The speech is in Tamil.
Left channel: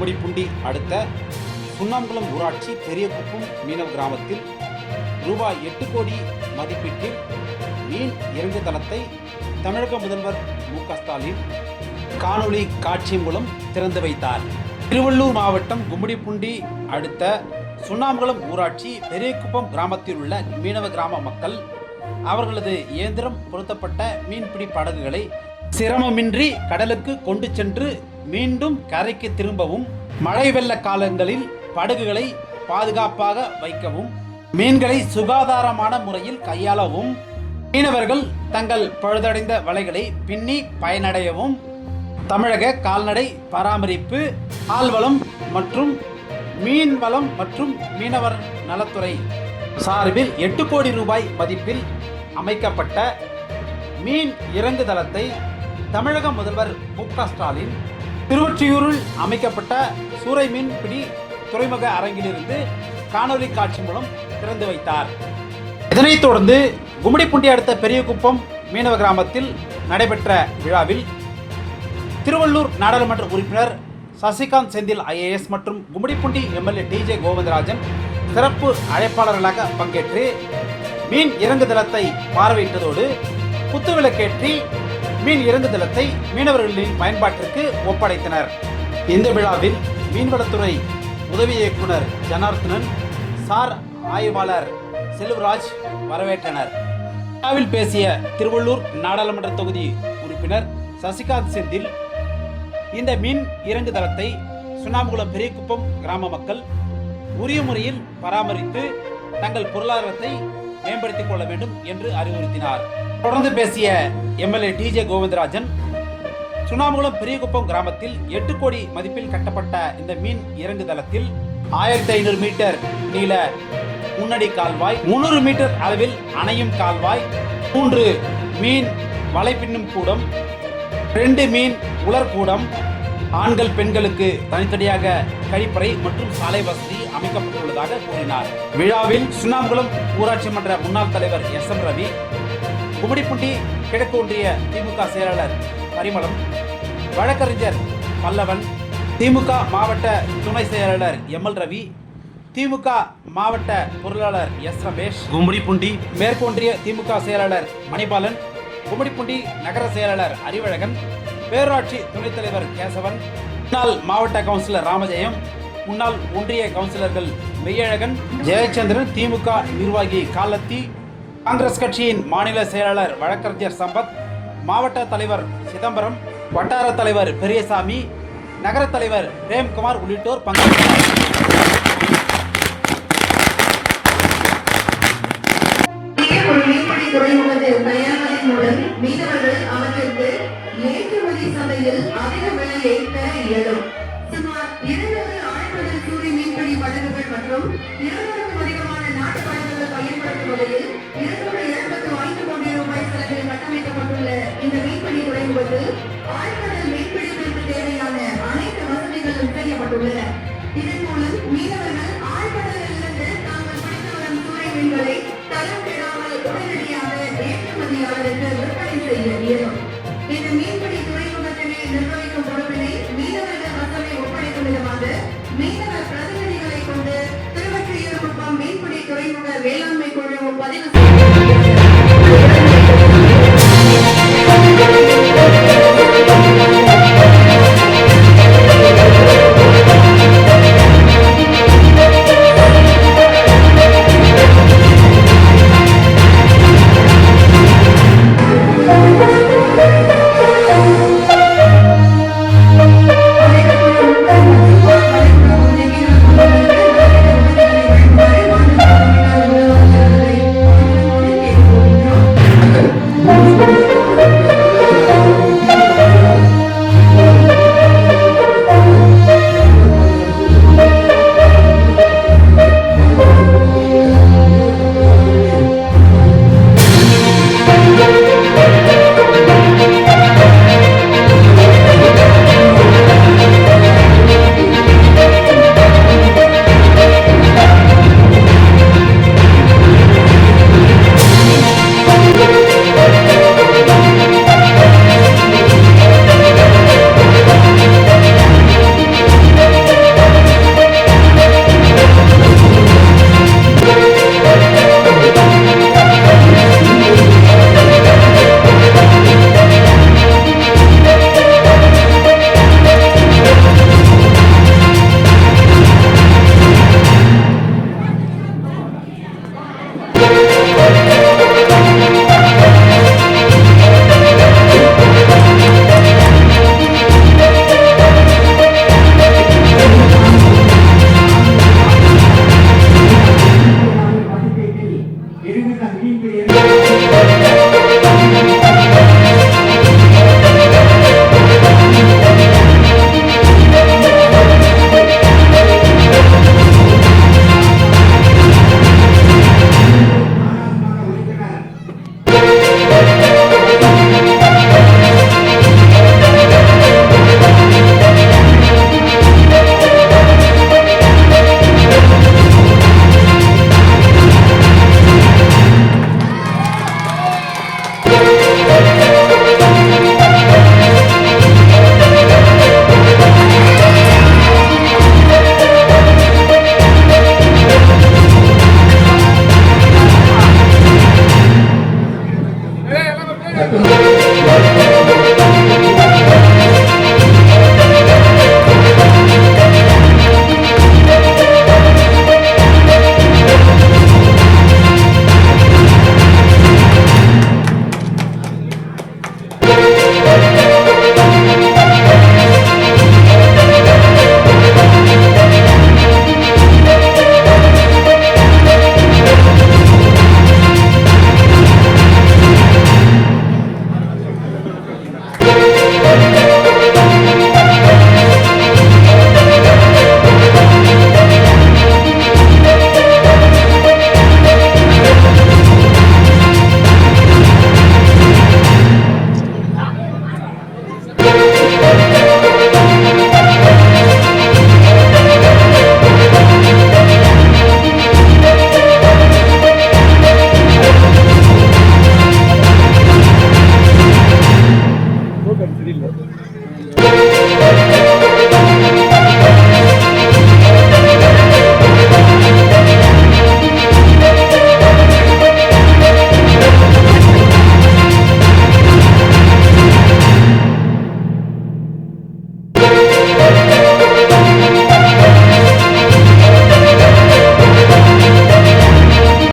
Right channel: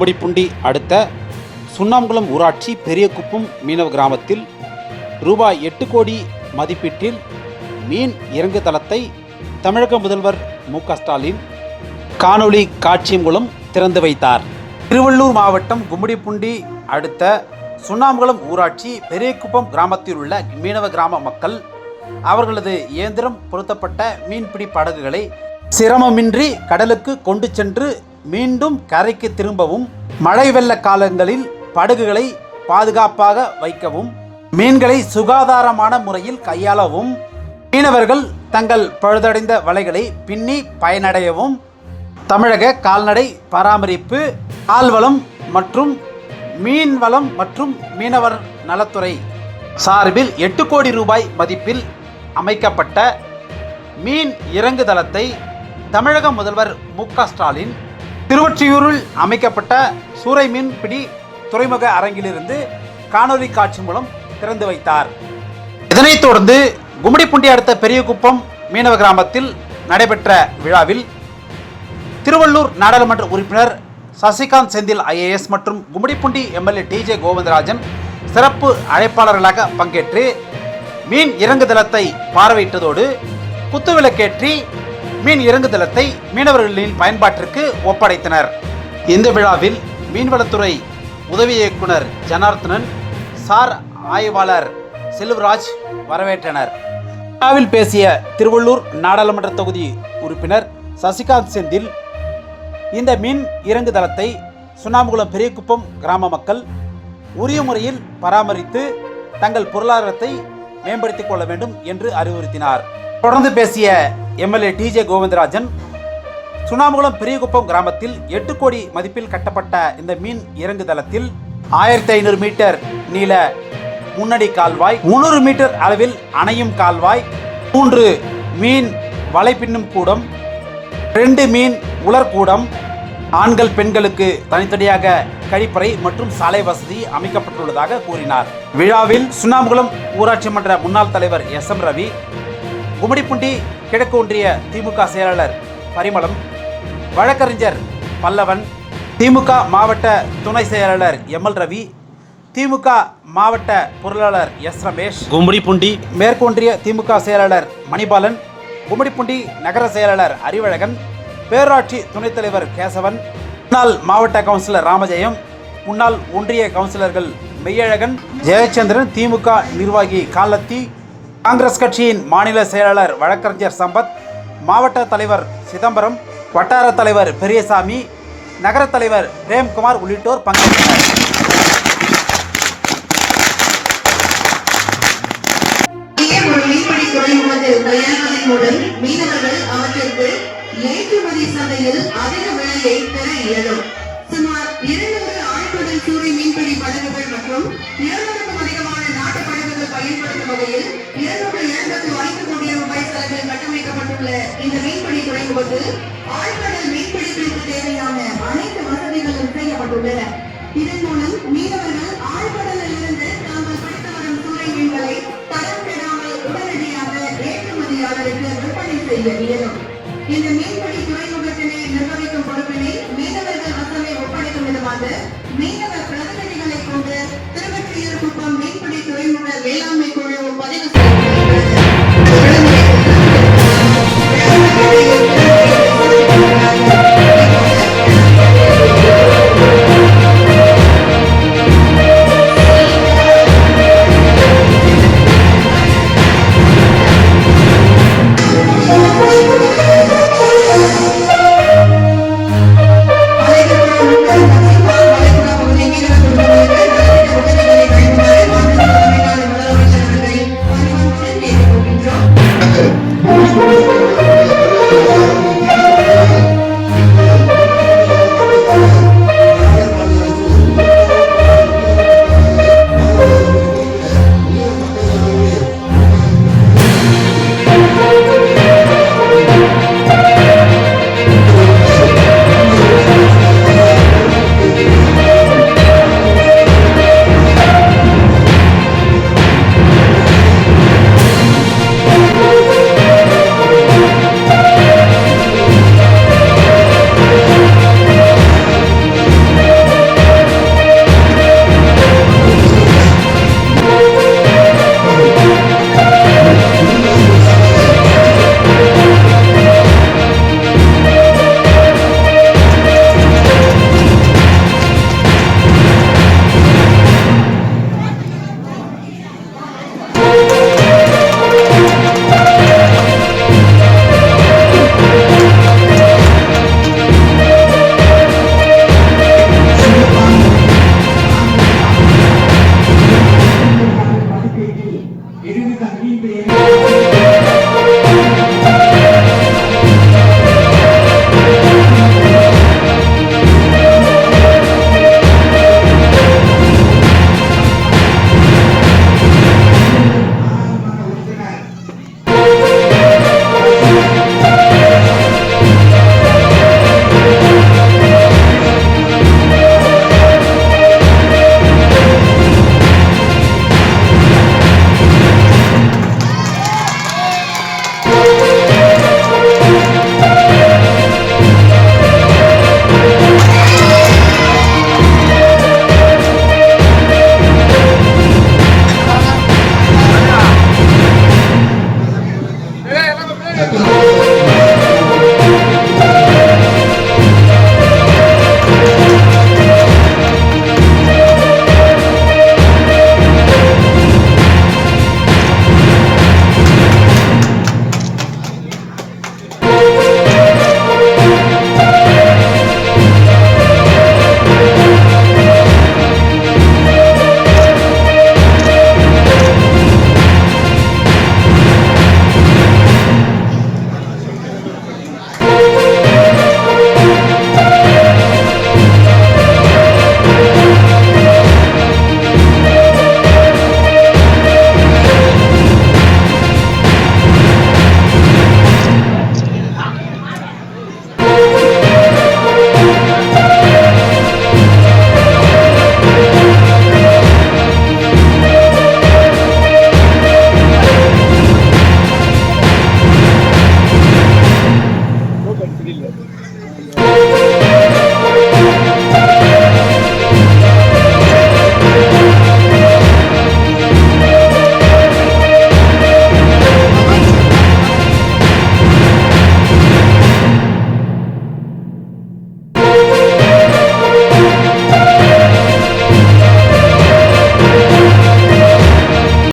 கும்மிடிப்பூண்டி அடுத்த சுண்ணாம்புலம் ஊராட்சி பெரியகுப்பம் மீனவ கிராமத்தில் ரூபாய் 8 கோடி மதிப்பீட்டில் மீன் இறங்கு தளத்தை தமிழக முதல்வர் மு.க.ஸ்டாலின் காணொளி காட்சி மூலம் திறந்து வைத்தார். திருவள்ளூர் மாவட்டம் கும்மிடிப்பூண்டி அடுத்த சுண்ணாம்புலம் ஊராட்சி பெரியகுப்பம் கிராமத்தில் உள்ள மீனவ கிராம மக்கள் அவர்களது இயந்திரம் பொருத்தப்பட்ட மீன்பிடி படகுகளை சிரமமின்றி கடலுக்கு கொண்டு சென்று மீண்டும் கரைக்கு திரும்பவும், மழை வெள்ள காலங்களில் படகுகளை பாதுகாப்பாக வைக்கவும், மீன்களை சுகாதாரமான முறையில் கையாளவும், மீனவர்கள் தங்கள் பழுதடைந்த வலைகளை பின்னி பயனடையவும் தமிழக கால்நடை பராமரிப்பு, ஆள்வளம் மற்றும் மீன்வளம் மற்றும் மீனவர் நலத்துறை சார்பில் 8 கோடி ரூபாய் மதிப்பில் அமைக்கப்பட்ட மீன் இறங்கு தளத்தை தமிழக முதல்வர் மு.க.ஸ்டாலின் திருவொற்றியூரில் அமைக்கப்பட்ட சூறை மீன்பிடி துறைமுக அரங்கிலிருந்து காணொலி காட்சி மூலம் திறந்து வைத்தார். இதனைத் தொடர்ந்து கும்மிடிப்பூண்டி அடுத்த பெரியகுப்பம் மீனவ கிராமத்தில் நடைபெற்ற விழாவில் திருவள்ளூர் நாடாளுமன்ற உறுப்பினர் சசிகாந்த் செந்தில் IAS மற்றும் கும்மிடிப்பூண்டி MLA TJ கோவிந்தராஜன் சிறப்பு அழைப்பாளர்களாக பங்கேற்று மீன் இறங்கு தளத்தை பார்வையிட்டதோடு குத்துவிளக்கேற்றி மீன் இறங்கு தளத்தை மீனவர்களின் பயன்பாட்டிற்கு ஒப்படைத்தனர். இந்த விழாவில் மீன்வளத்துறை உதவி இயக்குனர் ஜனார்த்தனன், சார் ஆய்வாளர் செல்வராஜ் வரவேற்றனர். விழாவில் பேசிய திருவள்ளூர் நாடாளுமன்ற தொகுதி உறுப்பினர் சசிகாந்த் செந்தில், இந்த மீன் இறங்கு தளத்தை சுண்ணாம்புலம் பெரியகுப்பம் கிராம மக்கள் உரிய முறையில் பராமரித்து தங்கள் பொருளாதாரத்தை மேம்படுத்திக் கொள்ள வேண்டும் என்று அறிவுறுத்தினார். தொடர்ந்து பேசிய MLA TJ கோவிந்தராஜன், சுண்ணாம்புலம் பெரியகுப்பம் கிராமத்தில் 8 கோடி மதிப்பில் கட்டப்பட்ட இந்த மீன் இறங்கு தளத்தில் 1500 மீட்டர் நீள முன்னடி கால்வாய், 300 மீட்டர் அளவில் அணையும் கால்வாய், 3 மீன் வலை பின்னும் கூடம், 2 மீன் உலர்கூடம், ஆண்கள் பெண்களுக்கு தனித்தனியாக கழிப்பறை மற்றும் சாலை வசதி அமைக்கப்பட்டுள்ளதாக கூறினார். விழாவில் சுண்ணாம்புலம் ஊராட்சி மன்ற முன்னாள் தலைவர் SM ரவி, கும்மிடிப்பூண்டி கிழக்கு ஒன்றிய திமுக செயலாளர் பரிமளம், வழக்கறிஞர் பல்லவன், திமுக மாவட்ட துணை செயலாளர் ML ரவி, திமுக மாவட்ட பொருளாளர் S ரமேஷ், கும்மிடிப்பூண்டி மேற்கு ஒன்றிய திமுக செயலாளர் மணிபாலன், கும்மிடிப்பூண்டி நகர செயலாளர் அறிவழகன், பேரூராட்சி துணைத் தலைவர் கேசவன், முன்னாள் மாவட்ட கவுன்சிலர் ராமஜெயம், முன்னாள் ஒன்றிய கவுன்சிலர்கள் மெய்யழகன், ஜெயச்சந்திரன், திமுக நிர்வாகி காலத்தி, காங்கிரஸ் கட்சியின் மாநில செயலாளர் வழக்கறிஞர் சம்பத், மாவட்ட தலைவர் சிதம்பரம், வட்டார தலைவர் பெரியசாமி, நகர தலைவர் பிரேம்குமார் உள்ளிட்டோர் பங்கேற்றனர். ஏற்றுமதி சந்தையில் அதிக விலையை பெற இயலும். சுமார் 200 ஆழ்கடல் சூறை மீன்பிடி படகுகள் மற்றும் 200க்கும் அதிகமான நாட்டு படகுகள் பயன்படுத்தும் வகையில் 275 கோடி ரூபாய் செலவில் கட்டமைக்கப்பட்டுள்ள இந்த மீன்பிடி துறைமுகத்தில் ஆழ்கடல் மீன்பிடிப்பிற்கு தேவையான அனைத்து வசதிகளும் செய்யப்பட்டுள்ளன. இதன் மூலம் மீனவர்கள் ஆழ்கடலில் இருந்து தாங்கள் பிடித்து வரும் சூறை மீன்களை தரம் பெறாமல் உடனடியாக ஏற்றுமதியாளருக்கு விற்பனை செய்ய இயலும். இந்த மீன்பிடி துறைமுகத்தினை நிர்வகிக்கும் பொறுப்பினை மீனவர்கள் வசமே ஒப்படைக்கும் விதமாக மீனவர் பிரதிநிதிகளை கொண்டு திருவொற்றியூர் குப்பம் மீன்பிடி துறைமுக வேளாண்மை